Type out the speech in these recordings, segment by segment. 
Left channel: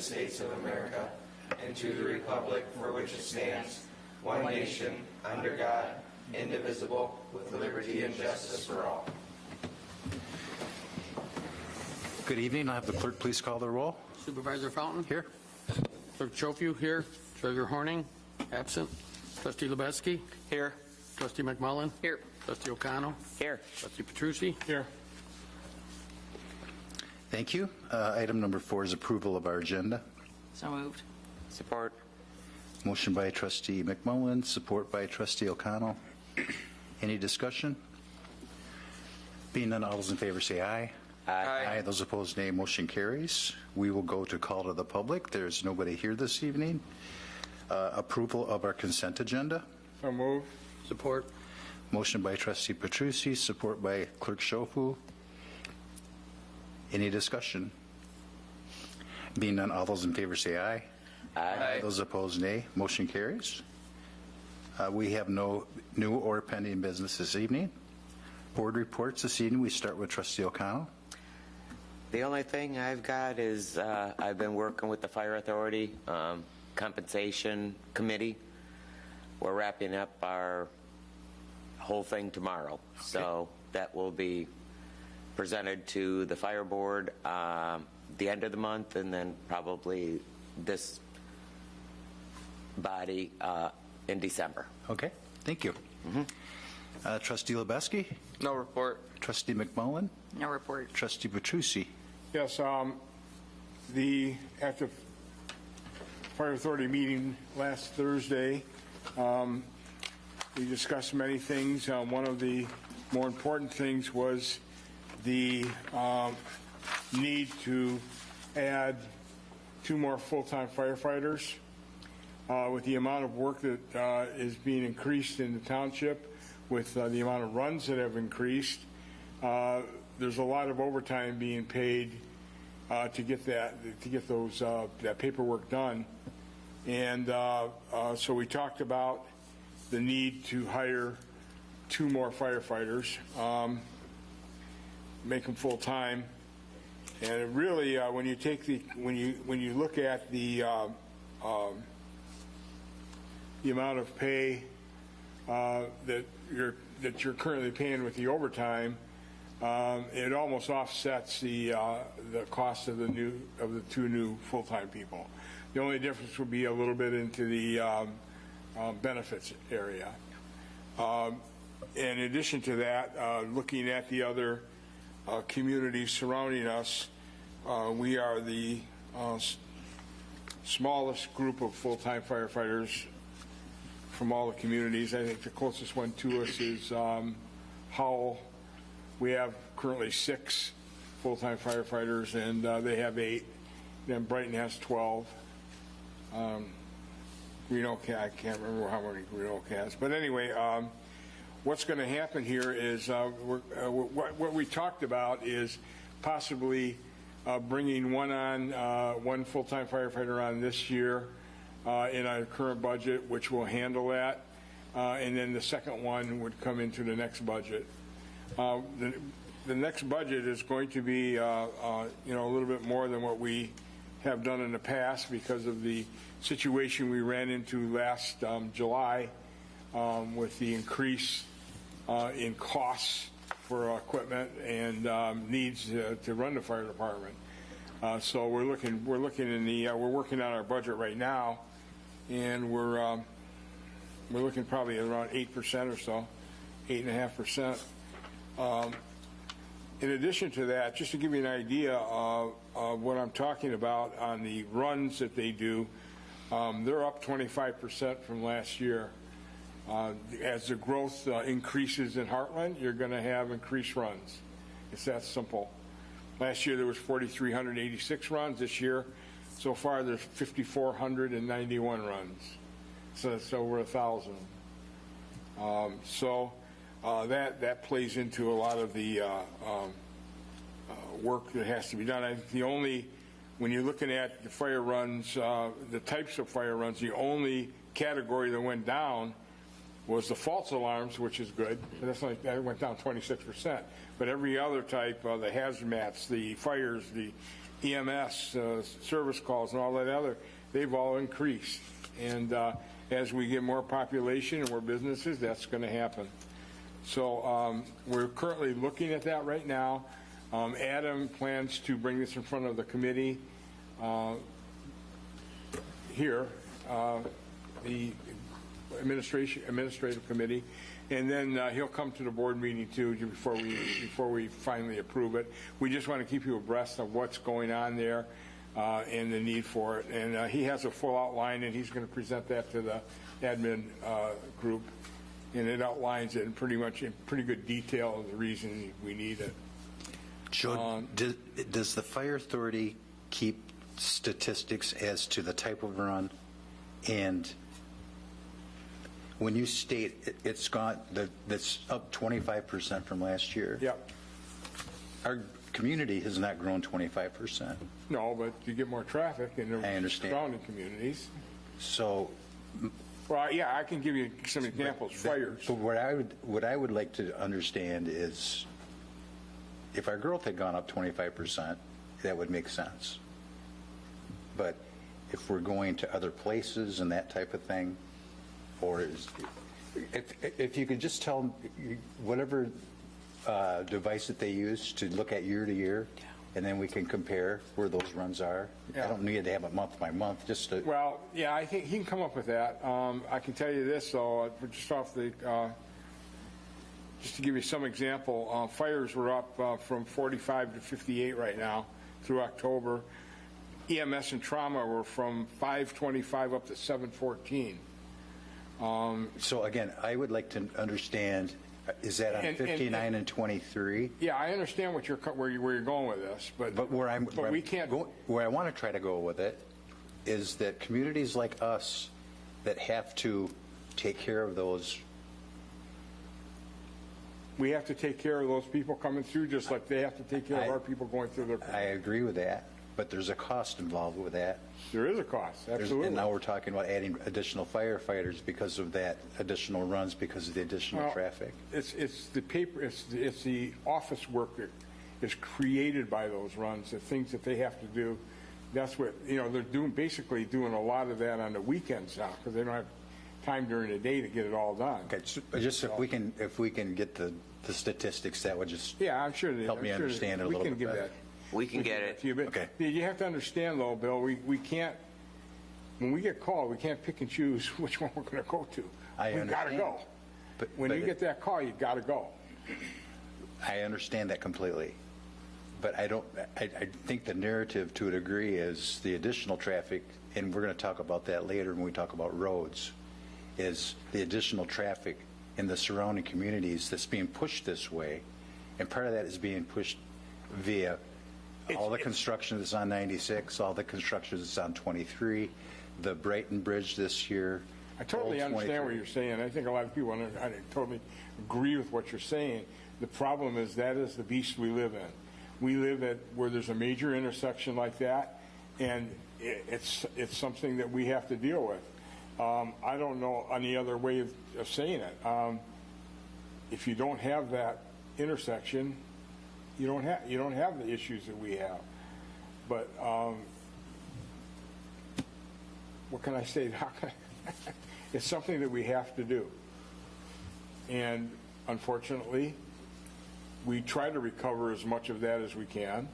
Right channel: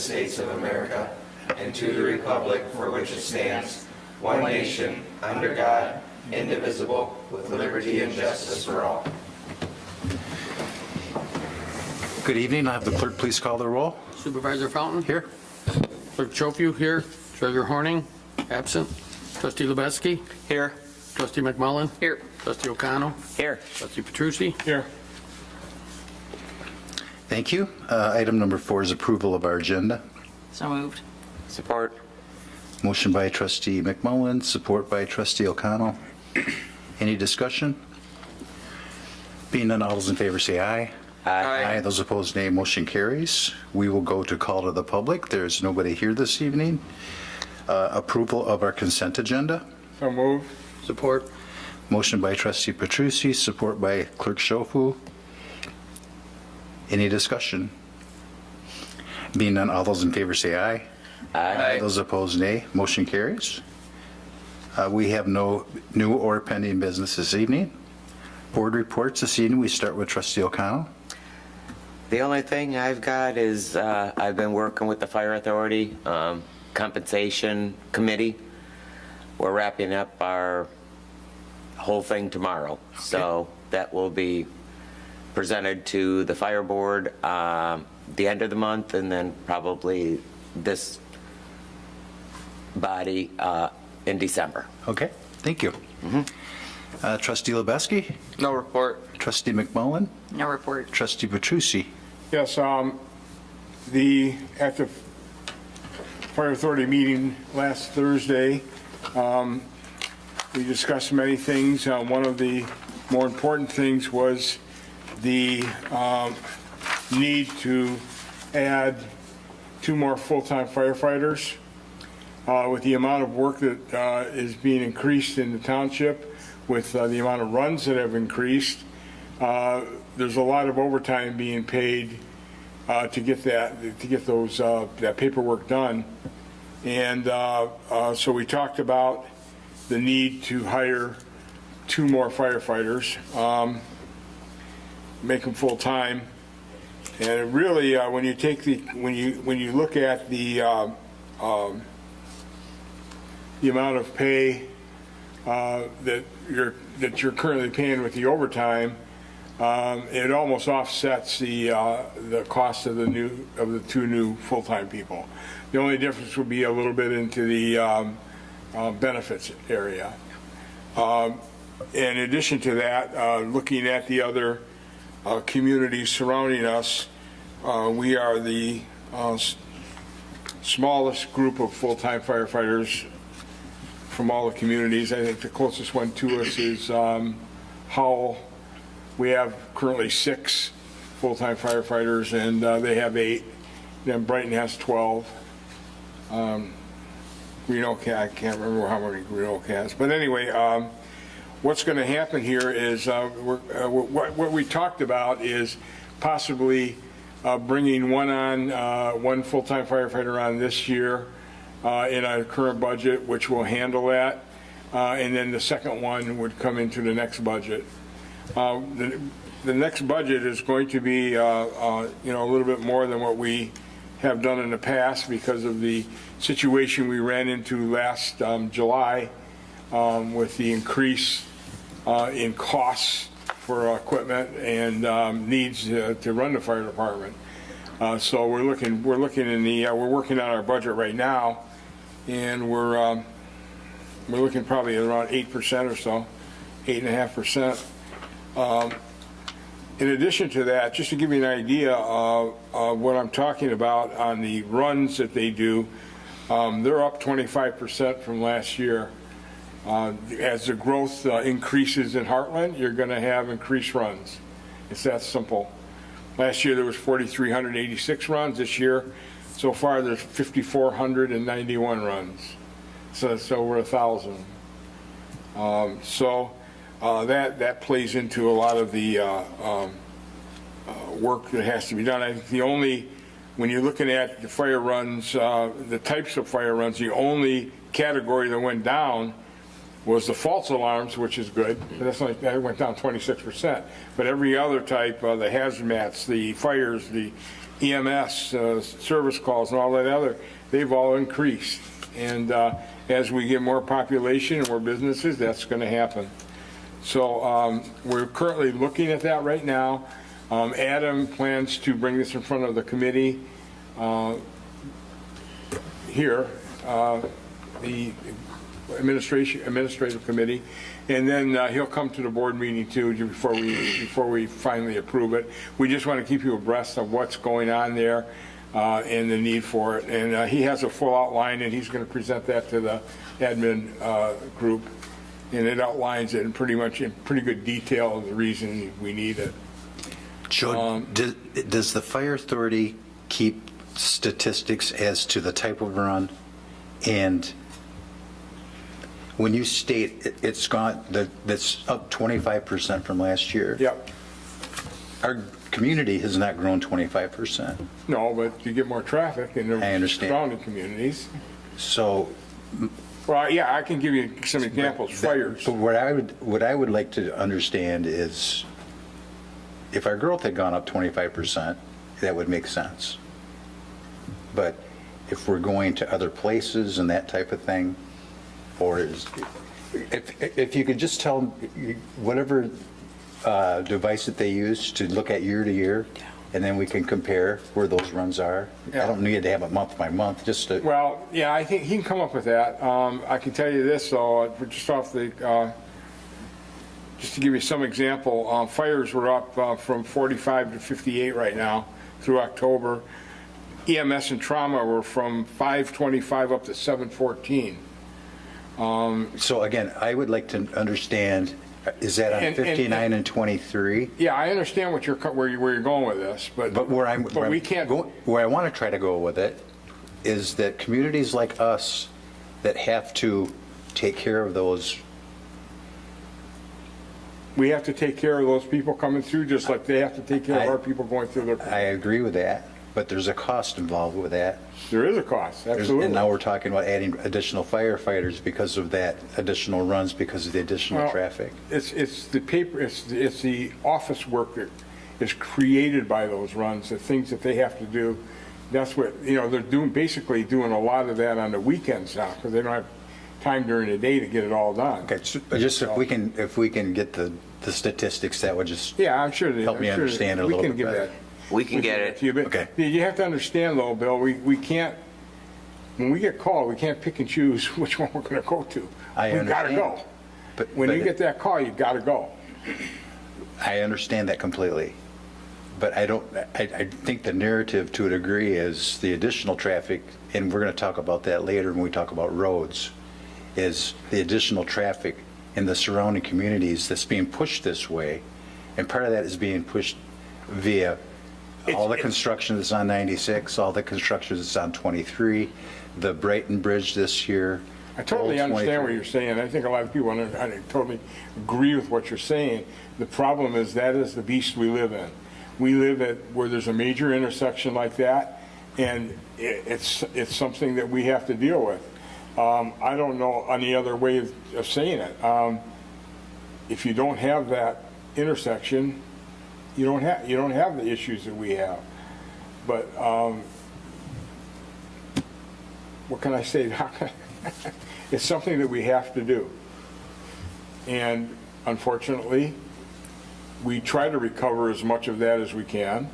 States of America and to the republic for which it stands, one nation, under God, indivisible, with liberty and justice for all. Good evening. I'll have the clerk please call the roll. Supervisor Fountain? Here. Clerk Chofiu here. Treasurer Horning? Absent. Trustee Lubeski? Here. Trustee McMullen? Here. Trustee O'Connell? Here. Trustee Petrucci? Here. Thank you. Item number 4 is approval of our agenda. So moved. Support. Motion by trustee McMullen, support by trustee O'Connell. Any discussion? Being none, all those in favor say aye. Aye. Those opposed, nay. Motion carries. We will go to call to the public. There's nobody here this evening. Approval of our consent agenda. So moved. Support. Motion by trustee Petrucci, support by clerk Chofiu. Any discussion? Being none, all those in favor say aye. Aye. Those opposed, nay. Motion carries. We have no new or pending business this evening. Board reports this evening. We start with trustee O'Connell. The only thing I've got is I've been working with the Fire Authority Compensation Committee. We're wrapping up our whole thing tomorrow. Okay. So that will be presented to the Fire Board the end of the month, and then probably this body in December. Okay, thank you. Trustee Lubeski? No report. Trustee McMullen? No report. Trustee Petrucci? Yes, at the Fire Authority meeting last Thursday, we discussed many things. One of the more important things was the need to add 2 more full-time firefighters. With the amount of work that is being increased in the township, with the amount of runs that have increased, there's a lot of overtime being paid to get that paperwork done. And so we talked about the need to hire 2 more firefighters, make them full time. And really, when you look at the amount of pay that you're currently paying with the overtime, it almost offsets the cost of the 2 new full-time people. The only difference would be a little bit into the benefits area. In addition to that, looking at the other communities surrounding us, we are the smallest group of full-time firefighters from all the communities. I think the closest one to us is Howell. We have currently 6 full-time firefighters, and they have 8. Then Brighton has 12. I can't remember how many Greenock has. But anyway, what's going to happen here is what we talked about is possibly bringing one full-time firefighter on this year in our current budget, which will handle that, and then the second one would come into the next budget. The next budget is going to be a little bit more than what we have done in the past because of the situation we ran into last July with the increase in costs for equipment and needs to run the fire department. So we're working on our budget right now, and we're looking probably at around 8% or so, 8.5%. In addition to that, just to give you an idea of what I'm talking about on the runs that they do, they're up 25% from last year. As the growth increases in Heartland, you're going to have increased runs. It's that simple. Last year there was 4,386 runs. This year, so far, there's 5,491 runs. So we're 1,000. That plays into a lot of the work that has to be done. I think when you're looking at the fire runs, the types of fire runs, the only category that went down was the false alarms, which is good. That went down 26%. But every other type, the hazmats, the fires, the EMS, service calls and all that other, they've all increased. And as we get more population and more businesses, that's going to happen. So we're currently looking at that right now. Adam plans to bring this in front of the committee here, the administrative committee, and then he'll come to the board meeting too before we finally approve it. We just want to keep you abreast of what's going on there and the need for it. And he has a full outline, and he's going to present that to the admin group, and it outlines it in pretty good detail of the reason we need it. Joe, does the fire authority keep statistics as to the type of run? And when you state it's gone, that's up 25% from last year. Yep. Our community has not grown 25%. No, but you get more traffic in I the understand. surrounding communities. So, Well, yeah, I can give you some examples. Fires. but what I would like to understand is if our growth had gone up 25%, that would make sense. But if we're going to other places and that type of thing, or if you could just tell whatever device that they use to look at year to year, and then we can compare where those runs are. Yeah. I don't need to have it month by month, just to, Well, yeah, I think he can come up with that. I can tell you this, though, just off the, just to give you some example, fires were up from 45 to 58 right now through October. EMS and trauma were from 525 up to 714. so again, I would like to understand, is that on And- 59 and 23? Yeah, I understand where you're going with this, But where we can't. where I want to try to go with it is that communities like us that have to take care of those, We have to take care of those people coming through, just like they have to take care of our people going through their. I agree with that, but there's a cost involved with that. There is a cost, absolutely. And now we're talking about adding additional firefighters because of that additional runs, because of the additional Well, traffic. It's the paper, it's the office work that is created by those runs, the things that they have to do. That's what, they're basically doing a lot of that on the weekends now, because they don't have time during the day to get it all done. Okay, so just if we can get the statistics, that would just, Yeah, I'm sure. Help me understand it a little bit better. We can get it. Okay. You have to understand though, Bill, we can't, when we get called, we can't pick and choose which one we're gonna go to. I We gotta understand. go. but When you get that call, you gotta go. I understand that completely. But I think the narrative to a degree is the additional traffic, and we're going to talk about that later when we talk about roads, is the additional traffic in the surrounding communities that's being pushed this way. And part of that is being pushed via all the construction that's on 96, all the construction that's on 23, the Brighton Bridge this year. I totally Old understand 23. what you're saying. I think a lot of people, I totally agree with what you're saying. The problem is that is the beast we live in. We live at where there's a major intersection like that, and it's something that we have to deal with. I don't know any other way of saying it. If you don't have that intersection, you don't have the issues that we have. But what can I say? It's something that we have to do. And unfortunately, we try to recover as much of that as we can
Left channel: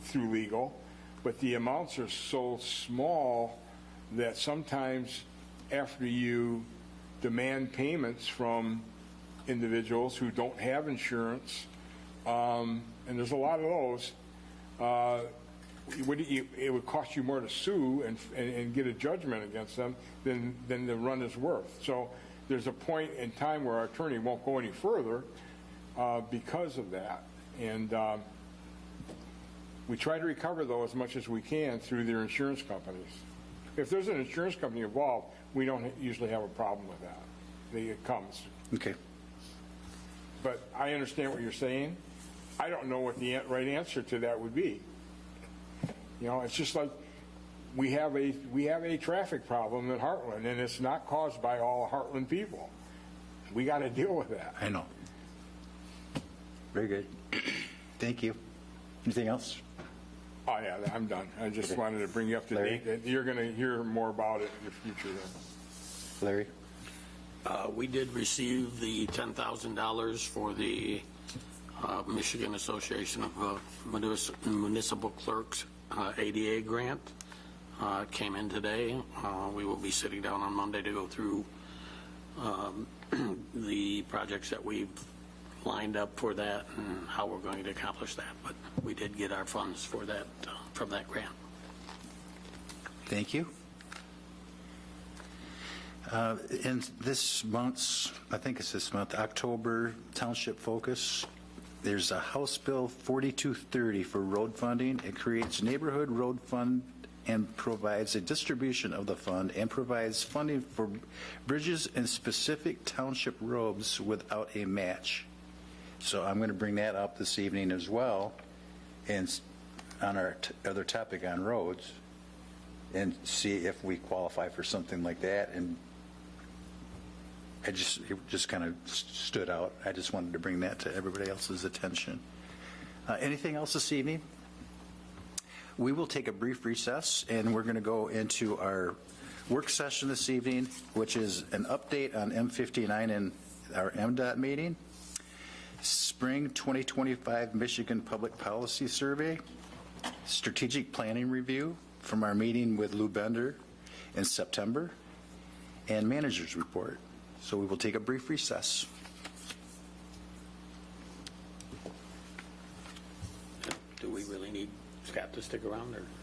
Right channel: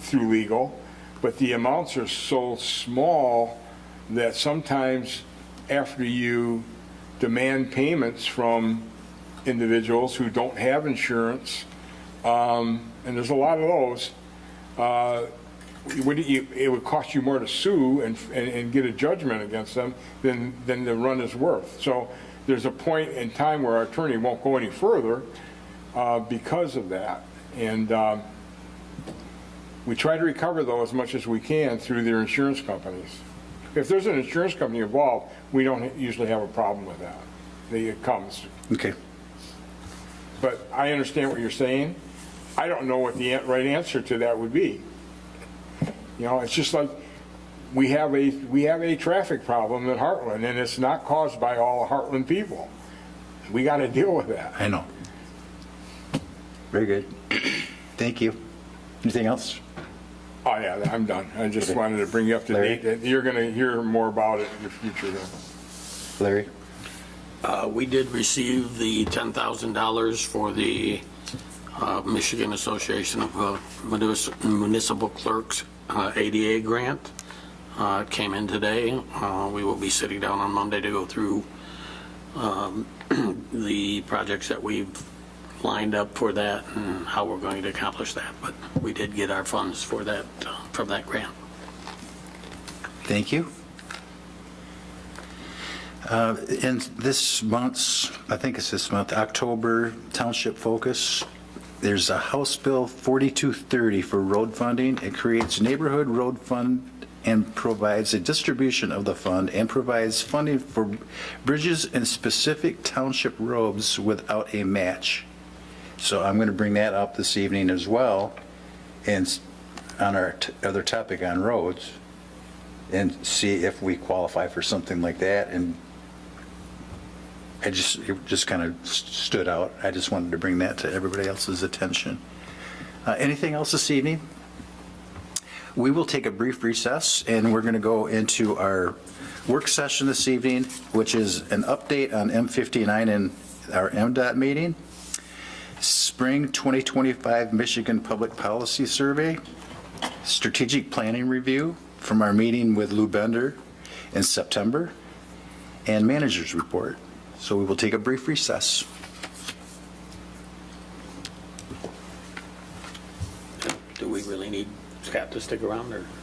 through legal, but the amounts are so small that sometimes after you demand payments from individuals who don't have insurance, and there's a lot of those, it would cost you more to sue and get a judgment against them than the run is worth. So there's a point in time where our attorney won't go any further because of that. And we try to recover though as much as we can through their insurance companies. If there's an insurance company involved, we don't usually have a problem with that. It comes. Okay. But I understand what you're saying. I don't know what the right answer to that would be. It's just like we have a traffic problem in Heartland, and it's not caused by all the Heartland people. We got to deal with that. I know. Very good. Thank you. Anything else? Oh, yeah, I'm done. I just wanted to bring you up to Larry? date. You're going to hear more about it in the future, though. Larry? We did receive the $10,000 for the Michigan Association of Municipal Clerks ADA grant. It came in today. We will be sitting down on Monday to go through the projects that we've lined up for that and how we're going to accomplish that. But we did get our funds for that, from that grant. Thank you. In this month's, I think it's this month, October Township Focus, there's a House Bill 4230 for road funding. It creates neighborhood road fund and provides a distribution of the fund and provides funding for bridges and specific township roads without a match. So I'm going to bring that up this evening as well, and on our other topic on roads, and see if we qualify for something like that. And it just kind of stood out. I just wanted to bring that to everybody else's attention. Anything else this evening? We will take a brief recess, and we're going to go into our work session this evening, which is an update on M59 and our MDOT meeting, Spring 2025 Michigan Public Policy Survey, strategic planning review from our meeting with Lou Bender in September, and manager's report. So we will take a brief recess. Do we really need Scott to stick around, or?